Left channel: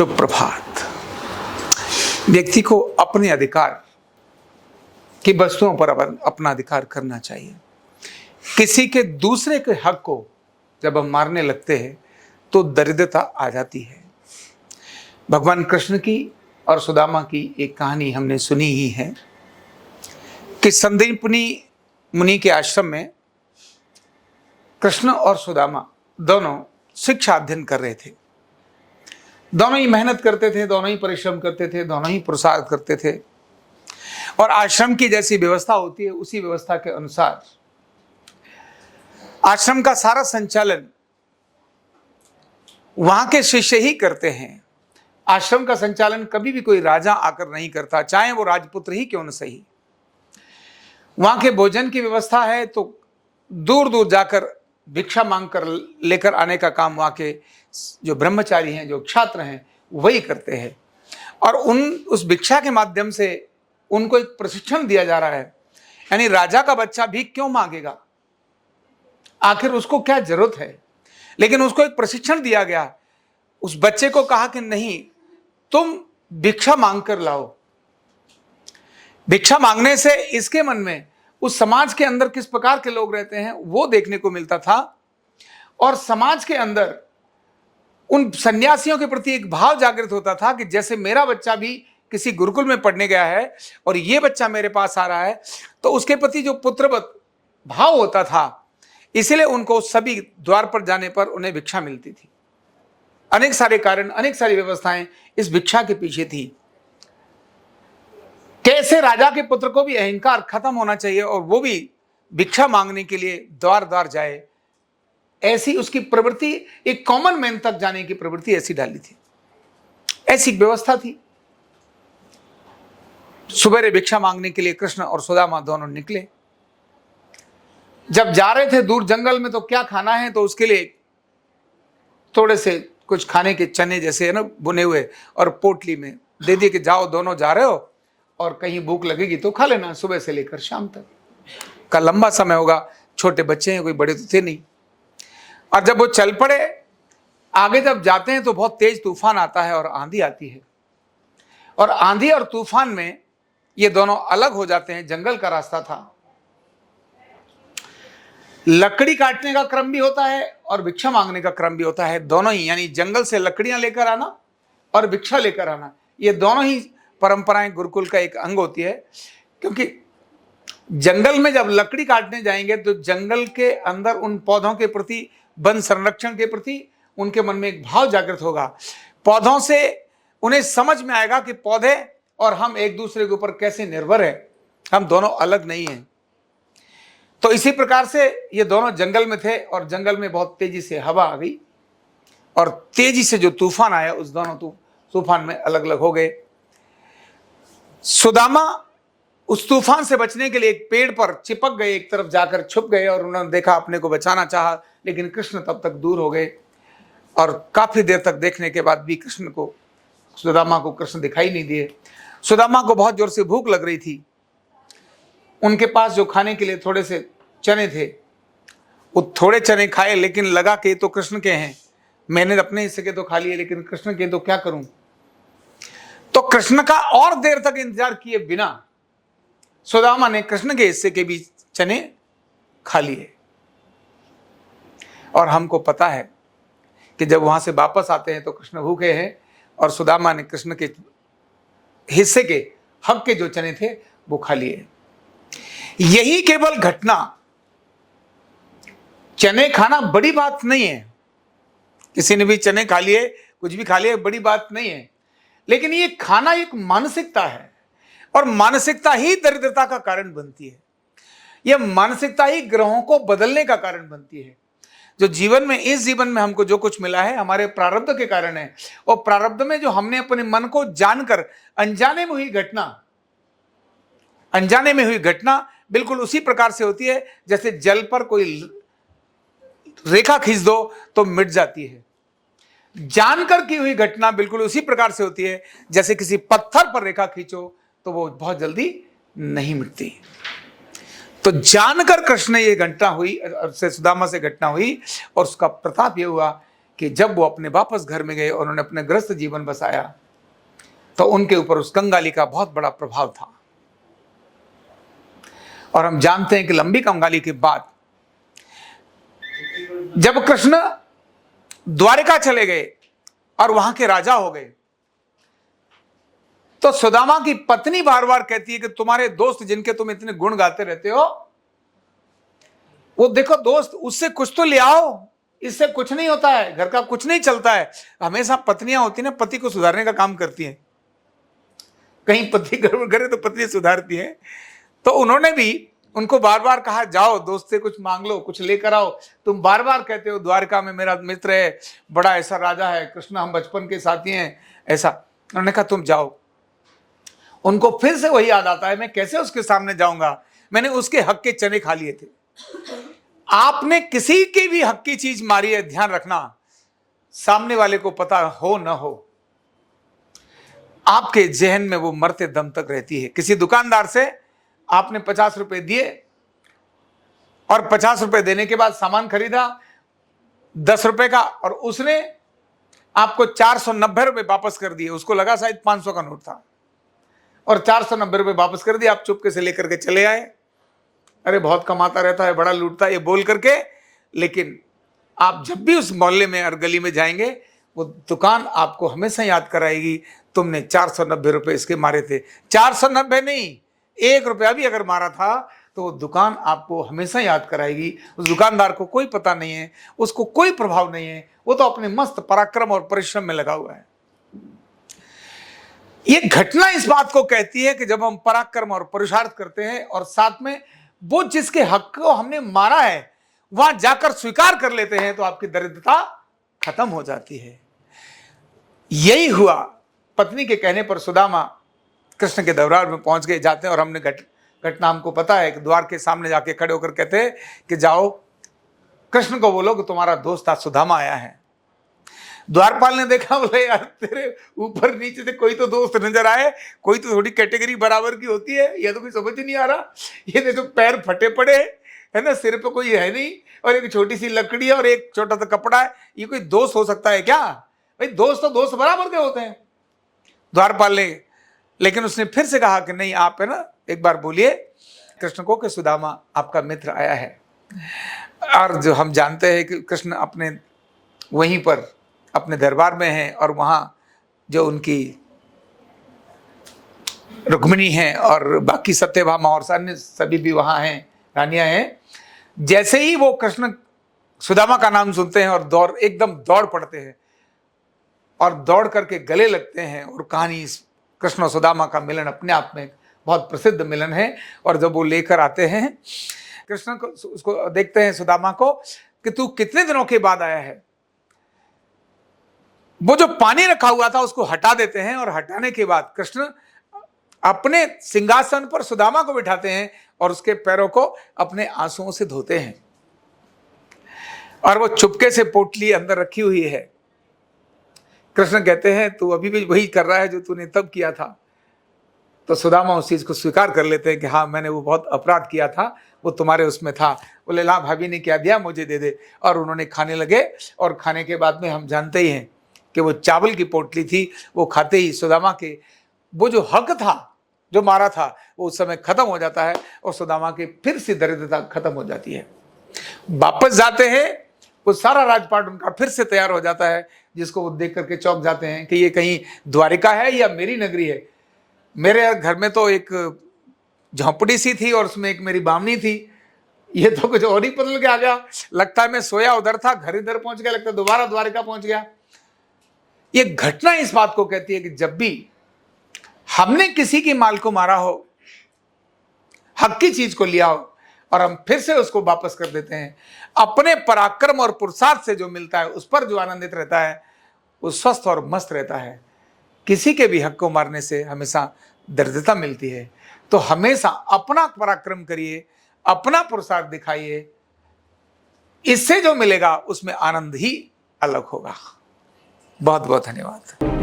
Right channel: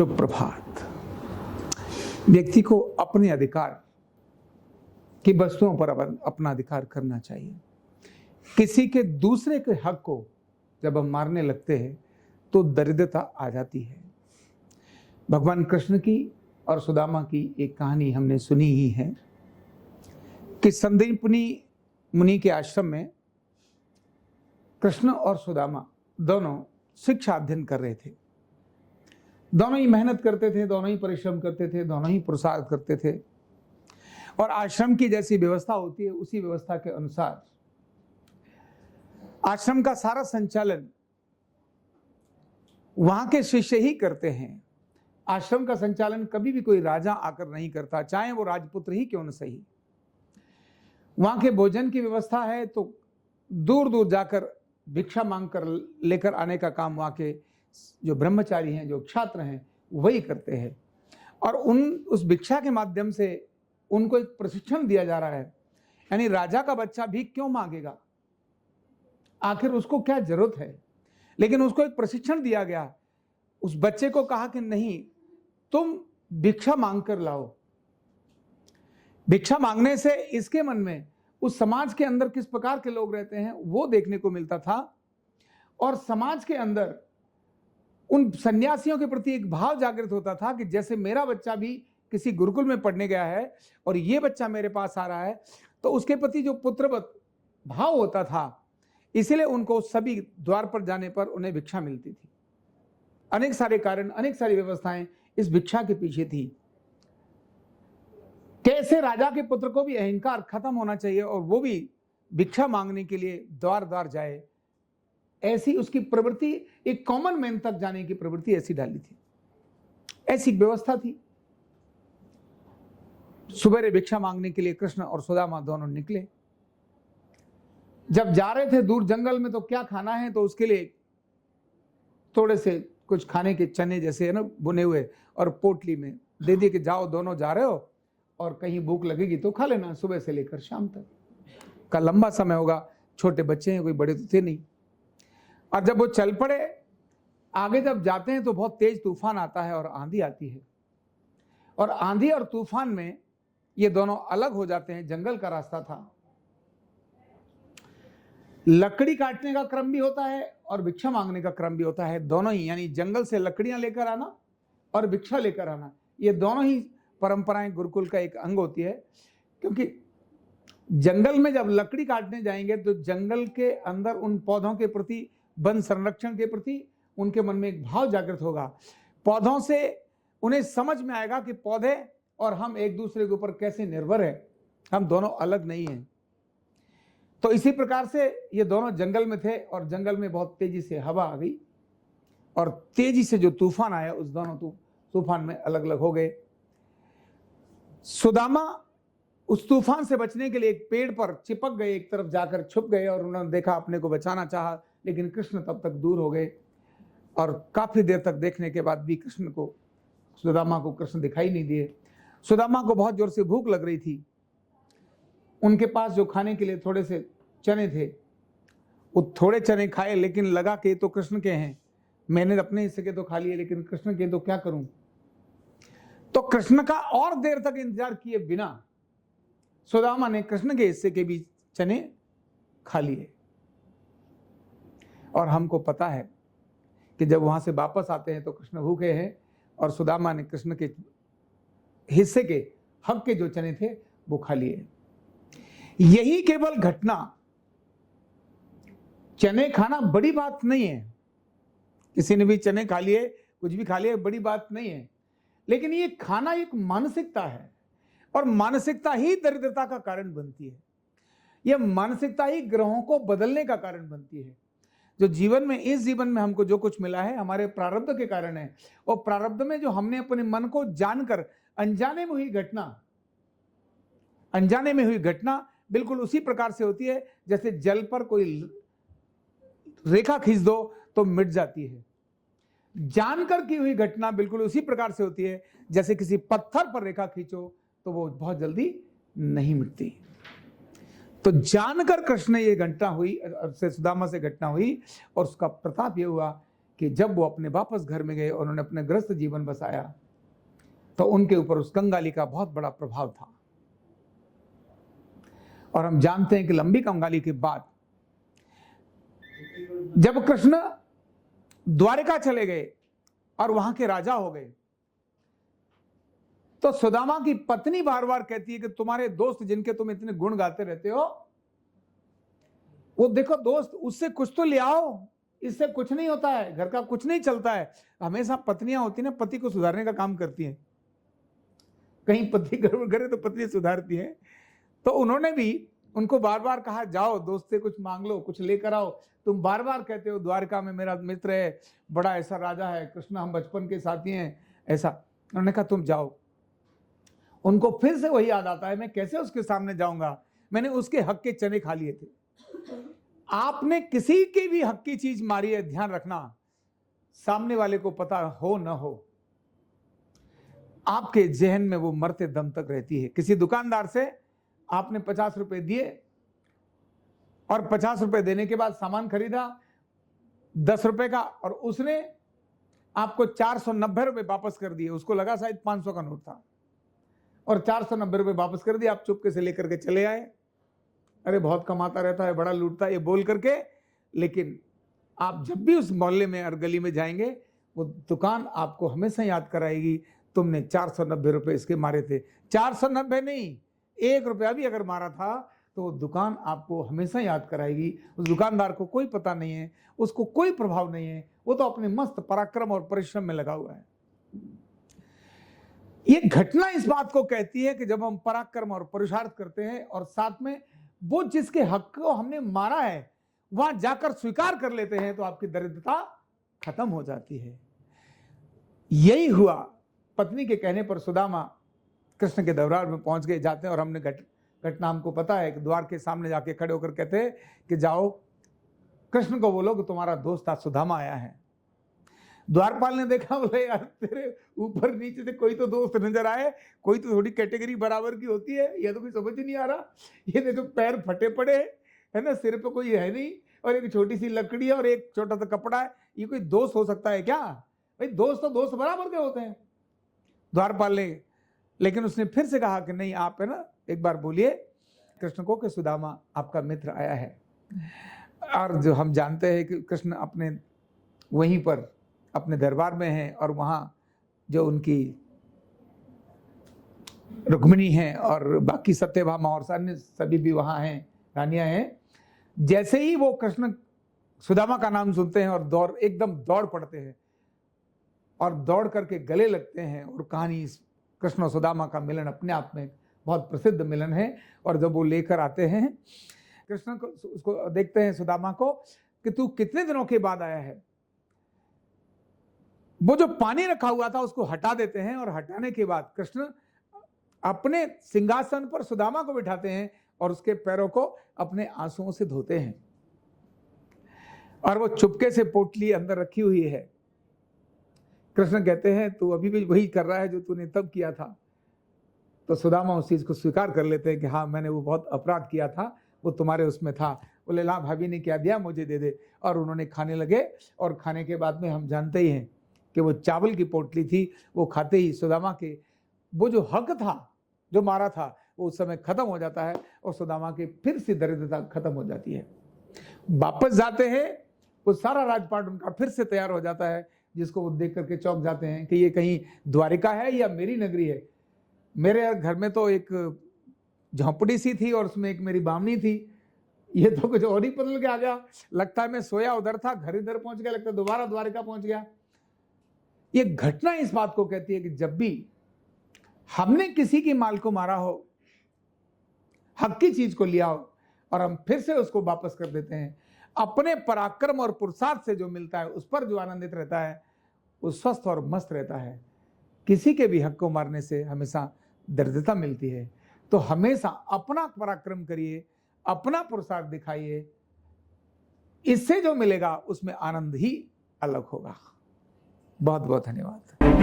शुभ प्रभात। व्यक्ति को अपने अधिकार की वस्तुओं पर अपना अधिकार करना चाहिए। किसी के दूसरे के हक को जब हम मारने लगते हैं तो दरिद्रता आ जाती है। भगवान कृष्ण की और सुदामा की एक कहानी हमने सुनी ही है कि संदीपनी मुनि के आश्रम में कृष्ण और सुदामा दोनों शिक्षा अध्ययन कर रहे थे। दोनों ही मेहनत करते थे, दोनों ही परिश्रम करते थे, दोनों ही पुरुषार्थ करते थे और आश्रम की जैसी व्यवस्था होती है उसी व्यवस्था के अनुसार आश्रम का सारा संचालन वहां के शिष्य ही करते हैं। आश्रम का संचालन कभी भी कोई राजा आकर नहीं करता, चाहे वो राजपुत्र ही क्यों न सही। वहां के भोजन की व्यवस्था है तो दूर दूर जाकर भिक्षा मांगकर लेकर आने का काम वहां के जो ब्रह्मचारी हैं, जो छात्र हैं, वही करते हैं। और उस भिक्षा के माध्यम से उनको एक प्रशिक्षण दिया जा रहा है। यानी राजा का बच्चा भी क्यों मांगेगा, आखिर उसको क्या जरूरत है, लेकिन उसको एक प्रशिक्षण दिया गया। उस बच्चे को कहा कि नहीं, तुम भिक्षा मांग कर लाओ। भिक्षा मांगने से इसके मन में उस समाज के अंदर किस प्रकार के लोग रहते हैं वो देखने को मिलता था और समाज के अंदर उन सन्यासियों के प्रति एक भाव जागृत होता था कि जैसे मेरा बच्चा भी किसी गुरुकुल में पढ़ने गया है और ये बच्चा मेरे पास आ रहा है, तो उसके प्रति जो पुत्रवत भाव होता था, इसलिए उनको सभी द्वार पर जाने पर उन्हें भिक्षा मिलती थी। अनेक सारे कारण, अनेक सारी व्यवस्थाएं इस भिक्षा के पीछे थी। कैसे राजा के पुत्र को भी अहंकार खत्म होना चाहिए और वो भी भिक्षा मांगने के लिए द्वार द्वार जाए, ऐसी उसकी प्रवृत्ति, एक कॉमन मैन तक जाने की प्रवृत्ति ऐसी डाली थी, ऐसी व्यवस्था थी। सुबह भिक्षा मांगने के लिए कृष्ण और सुदामा दोनों निकले। जब जा रहे थे दूर जंगल में तो क्या खाना है, तो उसके लिए थोड़े से कुछ खाने के चने जैसे है ना बुने हुए और पोटली में दे दिए कि जाओ, दोनों जा रहे हो और कहीं भूख लगेगी तो खा लेना, सुबह से लेकर शाम तक का लंबा समय होगा। छोटे बच्चे हैं, कोई बड़े तो थे नहीं। और जब वो चल पड़े, आगे जब जाते हैं तो बहुत तेज तूफान आता है और आंधी आती है। और आंधी और तूफान में ये दोनों अलग हो जाते हैं। जंगल का रास्ता था, लकड़ी काटने का क्रम भी होता है और भिक्षा मांगने का क्रम भी होता है, दोनों ही। यानी जंगल से लकड़ियां लेकर आना और भिक्षा लेकर आना, ये दोनों ही परंपराएं गुरुकुल का एक अंग होती है। क्योंकि जंगल में जब लकड़ी काटने जाएंगे तो जंगल के अंदर उन पौधों के प्रति, वन संरक्षण के प्रति उनके मन में एक भाव जागृत होगा। पौधों से उन्हें समझ में आएगा कि पौधे और हम एक दूसरे के ऊपर कैसे निर्भर हैं, हम दोनों अलग नहीं हैं। तो इसी प्रकार से ये दोनों जंगल में थे और जंगल में बहुत तेजी से हवा आ गई और तेजी से जो तूफान आया उस दोनों तूफान में अलग अलग हो गए। सुदामा उस तूफान से बचने के लिए एक पेड़ पर चिपक गए, एक तरफ जाकर छुप गए और उन्होंने देखा, अपने को बचाना चाहा, लेकिन कृष्ण तब तक दूर हो गए और काफी देर तक देखने के बाद भी सुदामा को कृष्ण दिखाई नहीं दिए। सुदामा को बहुत जोर से भूख लग रही थी। उनके पास जो खाने के लिए थोड़े से चने थे, वो थोड़े चने खाए, लेकिन लगा कि तो कृष्ण के हैं, मैंने अपने हिस्से के तो खा लिए, लेकिन कृष्ण के तो क्या करूं। तो कृष्ण का और देर तक इंतजार किए बिना सुदामा ने कृष्ण के हिस्से के भी चने खा लिए। और हमको पता है कि जब वहां से वापस आते हैं तो कृष्ण भूखे हैं और सुदामा ने कृष्ण के हिस्से के, हक के जो चने थे वो खा लिए। यही केवल घटना, चने खाना बड़ी बात नहीं है, किसी ने भी चने खा लिए, कुछ भी खा लिए, बड़ी बात नहीं है। लेकिन ये खाना एक मानसिकता है और मानसिकता ही दरिद्रता का कारण बनती है। यह मानसिकता ही ग्रहों को बदलने का कारण बनती है। जो जीवन में, इस जीवन में हमको जो कुछ मिला है हमारे प्रारब्ध के कारण है, और प्रारब्ध में जो हमने अपने मन को जानकर अनजाने में हुई घटना बिल्कुल उसी प्रकार से होती है जैसे जल पर कोई रेखा खींच दो तो मिट जाती है। जानकर की हुई घटना बिल्कुल उसी प्रकार से होती है जैसे किसी पत्थर पर रेखा खींचो तो वो बहुत जल्दी नहीं मिटती। तो जानकर कृष्ण ये घटना हुई, से सुदामा से घटना हुई और उसका प्रताप ये हुआ कि जब वो अपने वापस घर में गए और उन्होंने अपने गृहस्थ जीवन बसाया तो उनके ऊपर उस कंगाली का बहुत बड़ा प्रभाव था। और हम जानते हैं कि लंबी कंगाली के बाद जब कृष्ण द्वारिका चले गए और वहां के राजा हो गए तो सुदामा की पत्नी बार बार कहती है कि तुम्हारे दोस्त जिनके तुम इतने गुण गाते रहते हो, वो देखो दोस्त, उससे कुछ तो ले आओ, इससे कुछ नहीं होता है, घर का कुछ नहीं चलता है। हमेशा पत्नियां होती ना, पति को सुधारने का काम करती हैं। कहीं पति गड़बड़ करे तो पत्नी सुधारती हैं। तो उन्होंने भी उनको बार बार कहा, जाओ दोस्त से कुछ मांग लो, कुछ लेकर आओ। तुम बार बार कहते हो द्वारका में मेरा मित्र है, बड़ा ऐसा राजा है, कृष्ण हम बचपन के साथी हैं, ऐसा। उन्होंने कहा तुम जाओ। उनको फिर से वही याद आता है, मैं कैसे उसके सामने जाऊंगा, मैंने उसके हक के चने खा लिए थे। आपने किसी की भी हक की चीज मारी है, ध्यान रखना, सामने वाले को पता हो न हो, आपके जहन में वो मरते दम तक रहती है। किसी दुकानदार से आपने 50 रुपए दिए और 50 रुपए देने के बाद सामान खरीदा 10 रुपए का, और उसने आपको 490 रुपए वापस कर दिए। उसको लगा शायद 500 का नोट था और 490 रुपए वापस कर दिए। आप चुपके से लेकर के चले आए। अरे बहुत कमाता रहता है, बड़ा लूटता है, ये बोल करके। लेकिन आप जब भी उस मोहल्ले में और गली में जाएंगे, वो दुकान आपको हमेशा याद कराएगी, तुमने 490 रुपए इसके मारे थे। 490 नहीं, 1 रुपया भी अगर मारा था तो वो दुकान आपको हमेशा याद कराएगी। उस दुकानदार को कोई पता नहीं है, उसको कोई प्रभाव नहीं है, वो तो अपने मस्त पराक्रम और परिश्रम में लगा हुआ है। ये घटना इस बात को कहती है कि जब हम पराक्रम और पुरुषार्थ करते हैं और साथ में वो जिसके हक को हमने मारा है वहां जाकर स्वीकार कर लेते हैं, तो आपकी दरिद्रता खत्म हो जाती है। यही हुआ। पत्नी के कहने पर सुदामा कृष्ण के दरबार में पहुंच गए, जाते हैं। और हमने घटना हमको पता है कि द्वार के सामने जाके खड़े होकर कहते हैं कि जाओ कृष्ण को बोलो कि तुम्हारा दोस्त आज सुदामा आया है। द्वारपाल ने देखा, बोले यार तेरे ऊपर नीचे से कोई तो दोस्त नजर आए, कोई तो थोड़ी कैटेगरी बराबर की होती है, यह तो कोई समझ ही नहीं आ रहा। ये देखो पैर फटे पड़े है ना, सिर पे कोई है नहीं, और एक छोटी सी लकड़ी है और एक छोटा सा कपड़ा है, ये कोई दोस्त हो सकता है क्या? भाई दोस्त तो दोस्त बराबर के होते हैं। द्वारपाल ने, लेकिन उसने फिर से कहा कि नहीं, आप है ना एक बार बोलिए कृष्ण को कि सुदामा आपका मित्र आया है। और जो हम जानते हैं कि कृष्ण अपने वहीं पर अपने दरबार में हैं, और वहाँ जो उनकी रुक्मिणी हैं और बाकी सत्यभामा और अन्य सभी भी वहाँ हैं, रानियाँ हैं। जैसे ही वो कृष्ण सुदामा का नाम सुनते हैं और एकदम दौड़ पड़ते हैं और दौड़ करके गले लगते हैं। और कहानी कृष्ण और सुदामा का मिलन अपने आप में बहुत प्रसिद्ध मिलन है। और जब वो लेकर आते हैं कृष्ण को, उसको देखते हैं सुदामा को कि तू कितने दिनों के बाद आया है। वो जो पानी रखा हुआ था उसको हटा देते हैं, और हटाने के बाद कृष्ण अपने सिंहासन पर सुदामा को बिठाते हैं और उसके पैरों को अपने आंसुओं से धोते हैं। और वो चुपके से पोटली अंदर रखी हुई है। कृष्ण कहते हैं तू अभी भी वही कर रहा है जो तूने तब किया था। तो सुदामा उस चीज को स्वीकार कर लेते हैं कि हाँ, मैंने वो बहुत अपराध किया था, वो तुम्हारे उसमें था। बोले ला भाभी ने क्या दिया, मुझे दे दे। और उन्होंने खाने लगे, और खाने के बाद में हम जानते ही हैं कि वो चावल की पोटली थी। वो खाते ही सुदामा के वो जो हक था, जो मारा था, वो उस समय खत्म हो जाता है, और सुदामा की फिर से दरिद्रता खत्म हो जाती है। वापस जाते हैं, वो सारा राजपाट उनका फिर से तैयार हो जाता है, जिसको वो देख करके चौंक जाते हैं कि ये कहीं द्वारिका है या मेरी नगरी है। मेरे घर में तो एक झोंपड़ी सी थी और उसमें एक मेरी बामनी थी, ये तो कुछ और ही बदल के आ गया। लगता है मैं सोया उधर था, घर इधर पहुंच गया, लगता है दोबारा द्वारिका पहुंच गया। ये घटना इस बात को कहती है कि जब भी हमने किसी की माल को मारा हो, हक की चीज को लिया हो, और हम फिर से उसको वापस कर देते हैं, अपने पराक्रम और पुरुषार्थ से जो मिलता है उस पर जो आनंदित रहता है, वो स्वस्थ और मस्त रहता है। किसी के भी हक को मारने से हमेशा दरिद्रता मिलती है। तो हमेशा अपना पराक्रम करिए, अपना पुरुषार्थ दिखाइए, इससे जो मिलेगा उसमें आनंद ही अलग होगा। बहुत बहुत धन्यवाद।